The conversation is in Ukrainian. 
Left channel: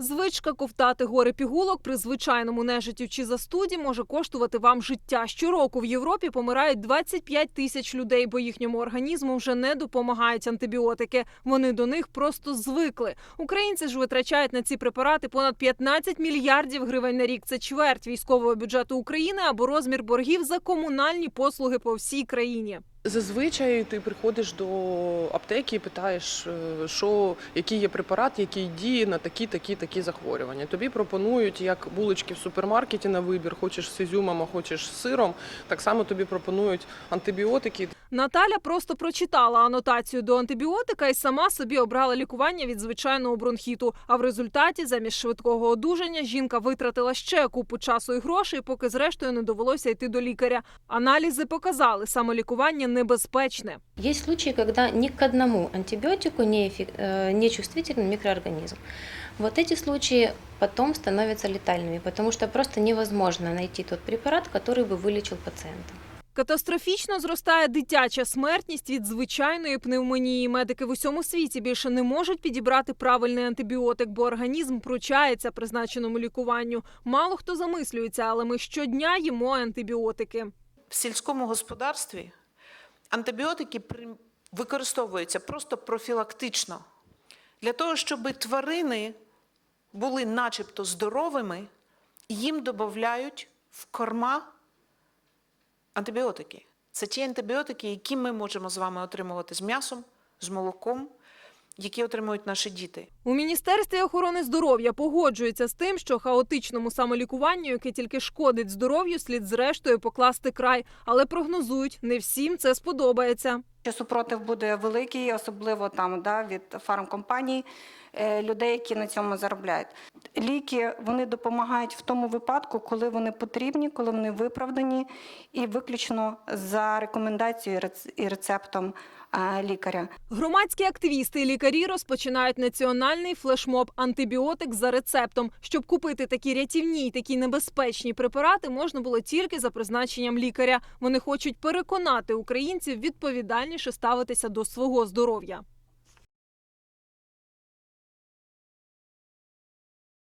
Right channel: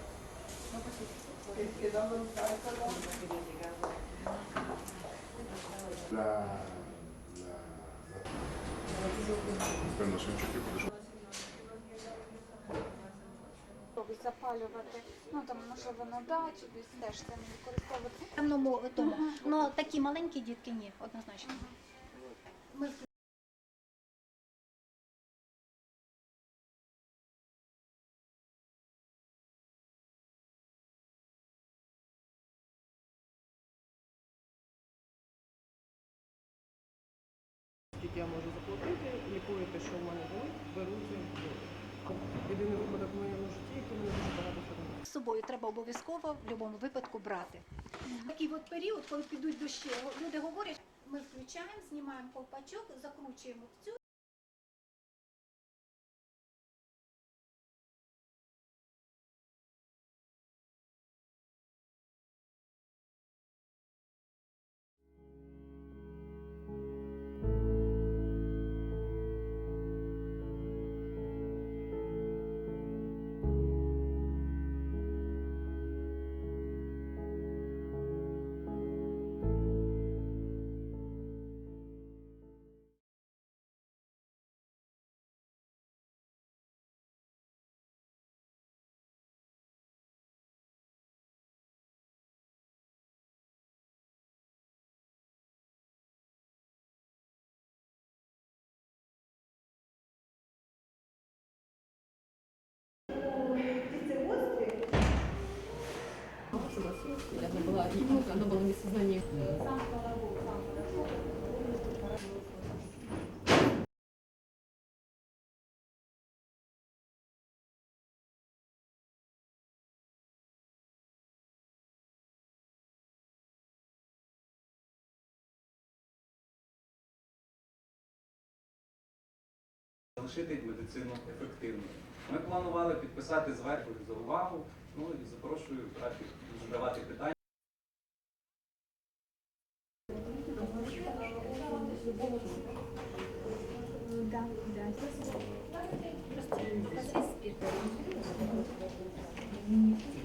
Звичка ковтати гори пігулок при звичайному нежиттю чи застуді може коштувати вам життя. Щороку в Європі помирають 25 тисяч людей, бо їхньому організму вже не допомагають антибіотики. Вони до них просто звикли. Українці ж витрачають на ці препарати понад 15 мільярдів гривень на рік. Це чверть військового бюджету України або розмір боргів за комунальні послуги по всій країні. Зазвичай ти приходиш до аптеки питаєш, е, що який є препарат, який діє на такі, такі, такі захворювання. Тобі пропонують як булочки в супермаркеті на вибір, хочеш з ізюмом, а хочеш з сиром. Так само тобі пропонують антибіотики. Наталя просто прочитала анотацію до антибіотика і сама собі обрала лікування від звичайного бронхіту. А в результаті, замість швидкого одужання, жінка витратила ще купу часу і грошей, поки зрештою не довелося йти до лікаря. Аналізи показали, самолікування небезпечне. Есть случаи, когда ни к одному антибиотику не, эффек- э, не чувствителен микроорганизм. Вот эти случаи потом становятся летальными, потому что просто невозможно найти тот препарат, который бы вылечил пациента. Катастрофічно зростає дитяча смертність від звичайної пневмонії. Медики в усьому світі більше не можуть підібрати правильний антибіотик, бо організм пручається призначеному лікуванню. Мало хто замислюється, але ми щодня їмо антибіотики. В сільському господарстві антибіотики при- використовуються просто профілактично для того, щоб тварини були начебто здоровими, їм додають в корма антибіотики. Це ті антибіотики, які ми можемо з вами отримувати з м'ясом, з молоком, які отримують наші діти. У міністерстві охорони здоров'я погоджуються з тим, що хаотичному самолікуванню, яке тільки шкодить здоров'ю, слід зрештою покласти край, але прогнозують, не всім це сподобається. Що супротив буде великий, особливо там да, від фармкомпаній, людей, які на цьому заробляють. Ліки вони допомагають в тому випадку, коли вони потрібні, коли вони виправдані, і виключно за рекомендацією і рецептом е, лікаря. Громадські активісти і лікарі розпочинають національний флешмоб антибіотик за рецептом. Щоб купити такі рятівні й такі небезпечні препарати, можна було тільки за призначенням лікаря. Вони хочуть переконати українців відповідальніше ставитися до свого здоров'я.